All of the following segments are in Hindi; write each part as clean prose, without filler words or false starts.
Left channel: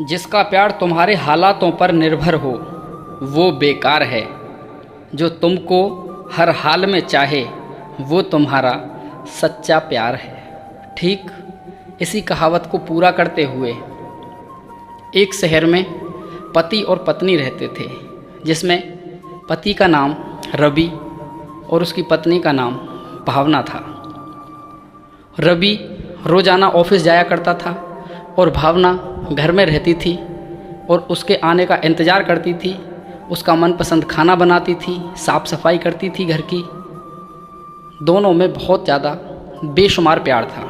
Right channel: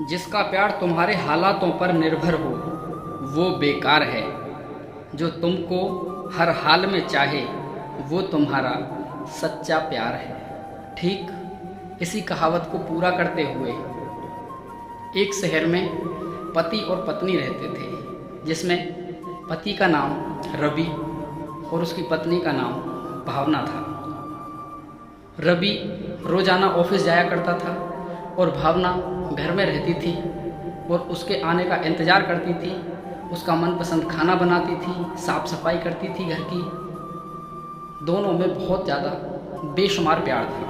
जिसका प्यार तुम्हारे हालातों पर निर्भर हो वो बेकार है। जो तुमको हर हाल में चाहे वो तुम्हारा सच्चा प्यार है। ठीक इसी कहावत को पूरा करते हुए एक शहर में पति और पत्नी रहते थे, जिसमें पति का नाम रवि और उसकी पत्नी का नाम भावना था। रवि रोज़ाना ऑफिस जाया करता था और भावना घर में रहती थी और उसके आने का इंतज़ार करती थी। उसका मनपसंद खाना बनाती थी, साफ़ सफाई करती थी घर की। दोनों में बहुत ज़्यादा बेशुमार प्यार था।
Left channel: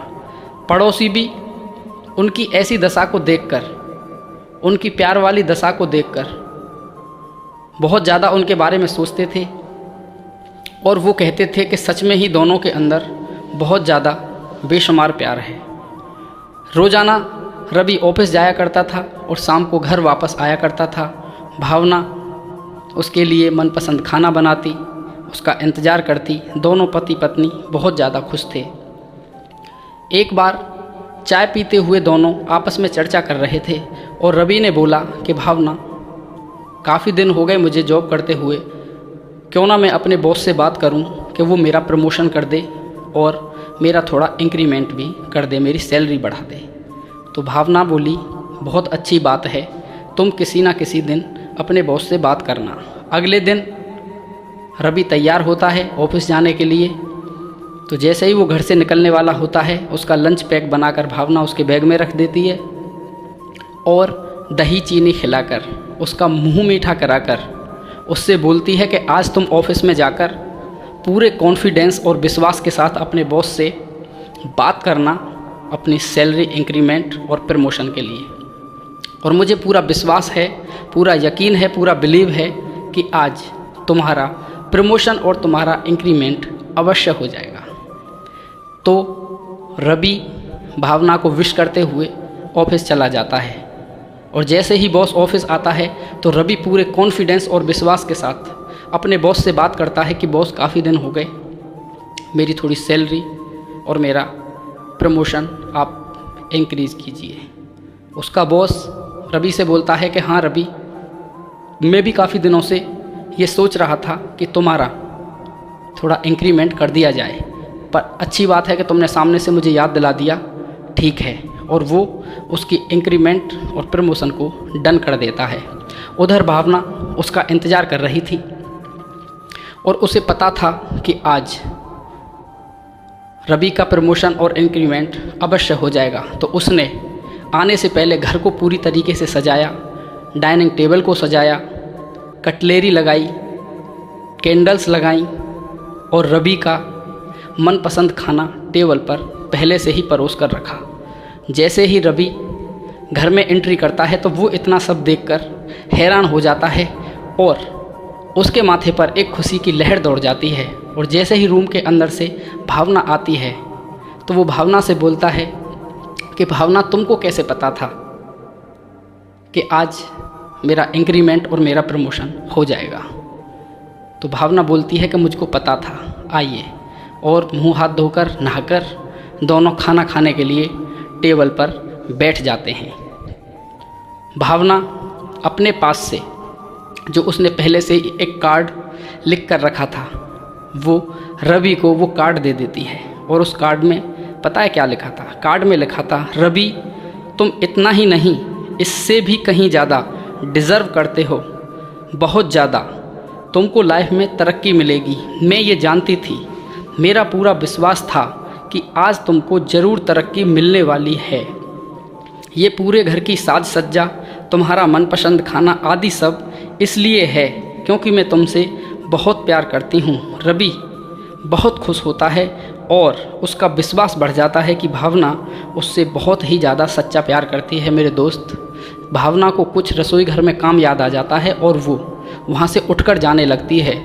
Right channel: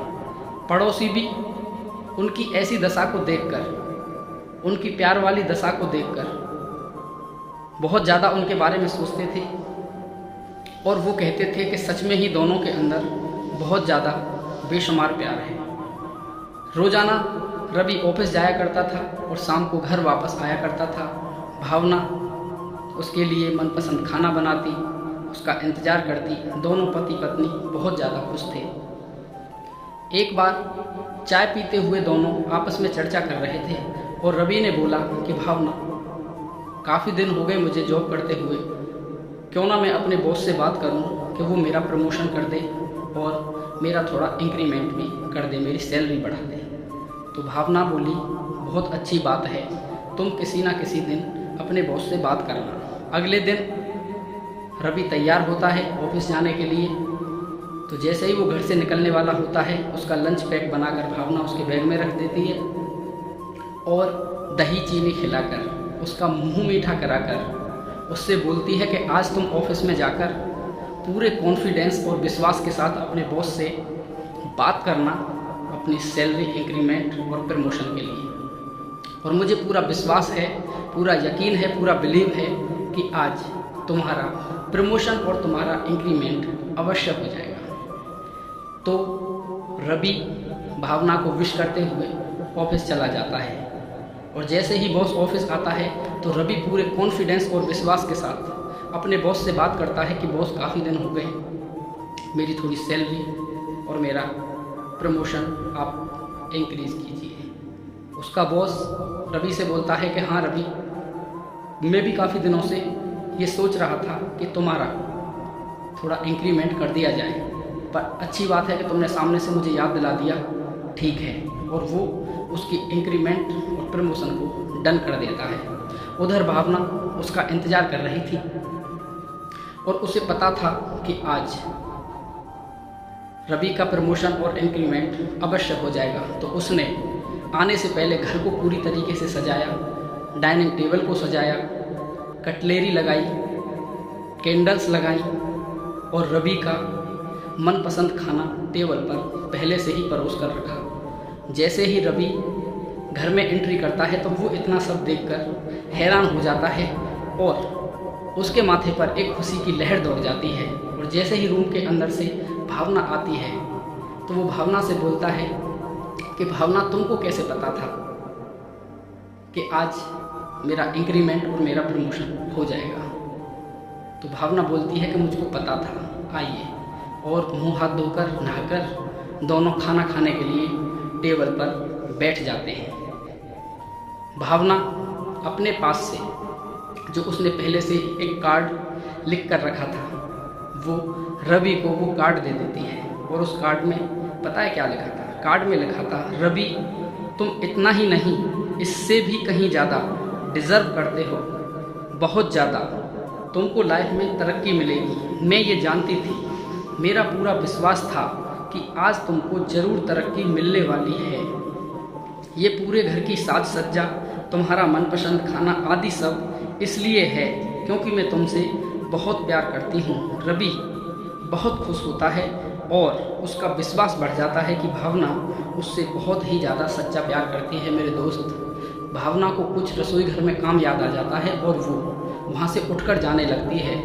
पड़ोसी भी उनकी ऐसी दशा को देखकर, उनकी प्यार वाली दशा को देखकर बहुत ज़्यादा उनके बारे में सोचते थे और वो कहते थे कि सच में ही दोनों के अंदर बहुत ज़्यादा बेशुमार प्यार है। रोज़ाना रवि ऑफिस जाया करता था और शाम को घर वापस आया करता था। भावना उसके लिए मनपसंद खाना बनाती, उसका इंतज़ार करती। दोनों पति पत्नी बहुत ज़्यादा खुश थे। एक बार चाय पीते हुए दोनों आपस में चर्चा कर रहे थे और रवि ने बोला कि भावना, काफ़ी दिन हो गए मुझे जॉब करते हुए, क्यों ना मैं अपने बॉस से बात करूं कि वो मेरा प्रमोशन कर दे और मेरा थोड़ा इंक्रीमेंट भी कर दे, मेरी सैलरी बढ़ा दे। तो भावना बोली, बहुत अच्छी बात है, तुम किसी ना किसी दिन अपने बॉस से बात करना। अगले दिन रवि तैयार होता है ऑफिस जाने के लिए। तो जैसे ही वो घर से निकलने वाला होता है, उसका लंच पैक बनाकर भावना उसके बैग में रख देती है और दही चीनी खिलाकर, उसका मुंह मीठा कराकर उससे बोलती है कि आज तुम ऑफिस में जाकर पूरे कॉन्फिडेंस और विश्वास के साथ अपने बॉस से बात करना अपनी सैलरी इंक्रीमेंट और प्रमोशन के लिए। और मुझे पूरा विश्वास है, पूरा यकीन है, पूरा बिलीव है कि आज तुम्हारा प्रमोशन और तुम्हारा इंक्रीमेंट अवश्य हो जाएगा। तो रवि भावना को विश करते हुए ऑफिस चला जाता है और जैसे ही बॉस ऑफिस आता है तो रवि पूरे कॉन्फिडेंस और विश्वास के साथ अपने बॉस से बात करता है कि बॉस, काफ़ी दिन हो गए, मेरी थोड़ी सैलरी और मेरा प्रमोशन आप इंक्रीज़ कीजिए। उसका बॉस रवि से बोलता है कि हाँ रवि, मैं भी काफ़ी दिनों से ये सोच रहा था कि तुम्हारा थोड़ा इंक्रीमेंट कर दिया जाए, पर अच्छी बात है कि तुमने सामने से मुझे याद दिला दिया। ठीक है। और वो उसकी इंक्रीमेंट और प्रमोशन को डन कर देता है। उधर भावना उसका इंतज़ार कर रही थी और उसे पता था कि आज रवि का प्रमोशन और इंक्रीमेंट अवश्य हो जाएगा। तो उसने आने से पहले घर को पूरी तरीके से सजाया, डाइनिंग टेबल को सजाया, कटलेरी लगाई, कैंडल्स लगाई और रवि का मनपसंद खाना टेबल पर पहले से ही परोस कर रखा। जैसे ही रवि घर में एंट्री करता है तो वो इतना सब देखकर हैरान हो जाता है और उसके माथे पर एक खुशी की लहर दौड़ जाती है। और जैसे ही रूम के अंदर से भावना आती है तो वो भावना से बोलता है कि भावना, तुमको कैसे पता था कि आज मेरा इंक्रीमेंट और मेरा प्रमोशन हो जाएगा? तो भावना बोलती है कि मुझको पता था। आइए। और मुंह हाथ धोकर नहाकर दोनों खाना खाने के लिए टेबल पर बैठ जाते हैं। भावना अपने पास से जो उसने पहले से एक कार्ड लिख कर रखा था, वो रवि को वो कार्ड दे देती है। और उस कार्ड में पता है क्या लिखा था? कार्ड में लिखा था, रवि, तुम इतना ही नहीं, इससे भी कहीं ज़्यादा डिज़र्व करते हो, बहुत ज़्यादा। तुमको लाइफ में तरक्की मिलेगी, मैं ये जानती थी, मेरा पूरा विश्वास था कि आज तुमको ज़रूर तरक्की मिलने वाली है। ये पूरे घर की साज सज्जा, तुम्हारा मनपसंद खाना आदि सब इसलिए है क्योंकि मैं तुमसे बहुत प्यार करती हूँ। रवि बहुत खुश होता है और उसका विश्वास बढ़ जाता है कि भावना उससे बहुत ही ज़्यादा सच्चा प्यार करती है। मेरे दोस्त, भावना को कुछ रसोई घर में काम याद आ जाता है और वो वहाँ से उठकर जाने लगती है।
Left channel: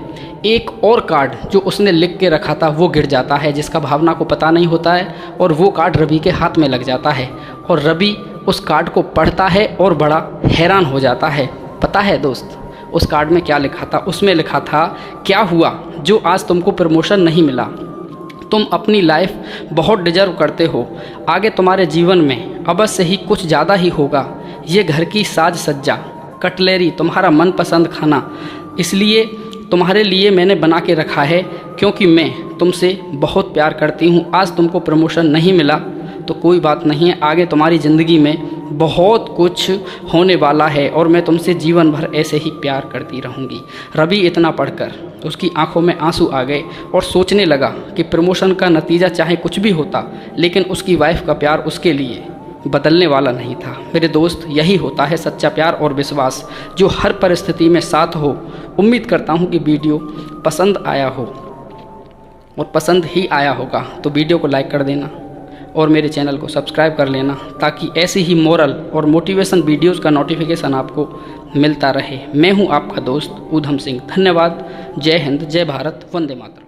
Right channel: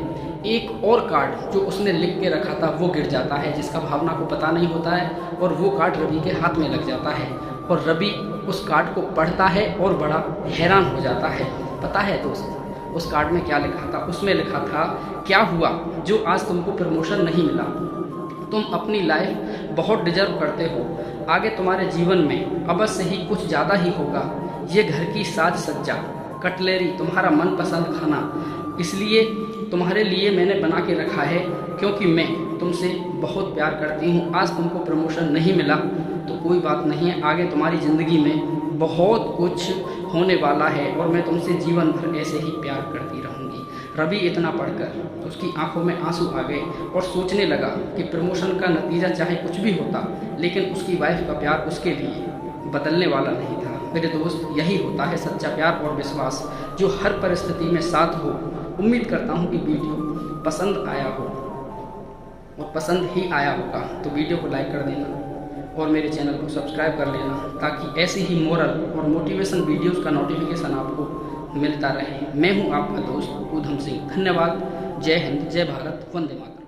एक और कार्ड जो उसने लिख के रखा था वो गिर जाता है, जिसका भावना को पता नहीं होता है, और वो कार्ड रवि के हाथ में लग जाता है और रवि उस कार्ड को पढ़ता है और बड़ा हैरान हो जाता है। पता है दोस्त, उस कार्ड में क्या लिखा था? उसमें लिखा था, क्या हुआ जो आज तुमको प्रमोशन नहीं मिला? तुम अपनी लाइफ बहुत डिजर्व करते हो। आगे तुम्हारे जीवन में अवश्य ही कुछ ज़्यादा ही होगा। ये घर की साज सज्जा, कटलेरी, तुम्हारा मनपसंद खाना इसलिए तुम्हारे लिए मैंने बना के रखा है क्योंकि मैं तुमसे बहुत प्यार करती हूँ। आज तुमको प्रमोशन नहीं मिला तो कोई बात नहीं है, आगे तुम्हारी ज़िंदगी में बहुत कुछ होने वाला है और मैं तुमसे जीवन भर ऐसे ही प्यार करती रहूँगी। रवि इतना पढ़कर उसकी आंखों में आंसू आ गए और सोचने लगा कि प्रमोशन का नतीजा चाहे कुछ भी होता, लेकिन उसकी वाइफ का प्यार उसके लिए बदलने वाला नहीं था। मेरे दोस्त, यही होता है सच्चा प्यार और विश्वास जो हर परिस्थिति में साथ हो। उम्मीद करता हूँ कि वीडियो पसंद आया हो और पसंद ही आया होगा तो वीडियो को लाइक कर देना और मेरे चैनल को सब्सक्राइब कर लेना ताकि ऐसी ही मोरल और मोटिवेशन वीडियोस का नोटिफिकेशन आपको मिलता रहे। मैं हूं आपका दोस्त ऊधम सिंह। धन्यवाद। जय हिंद, जय भारत, वंदे मातरम।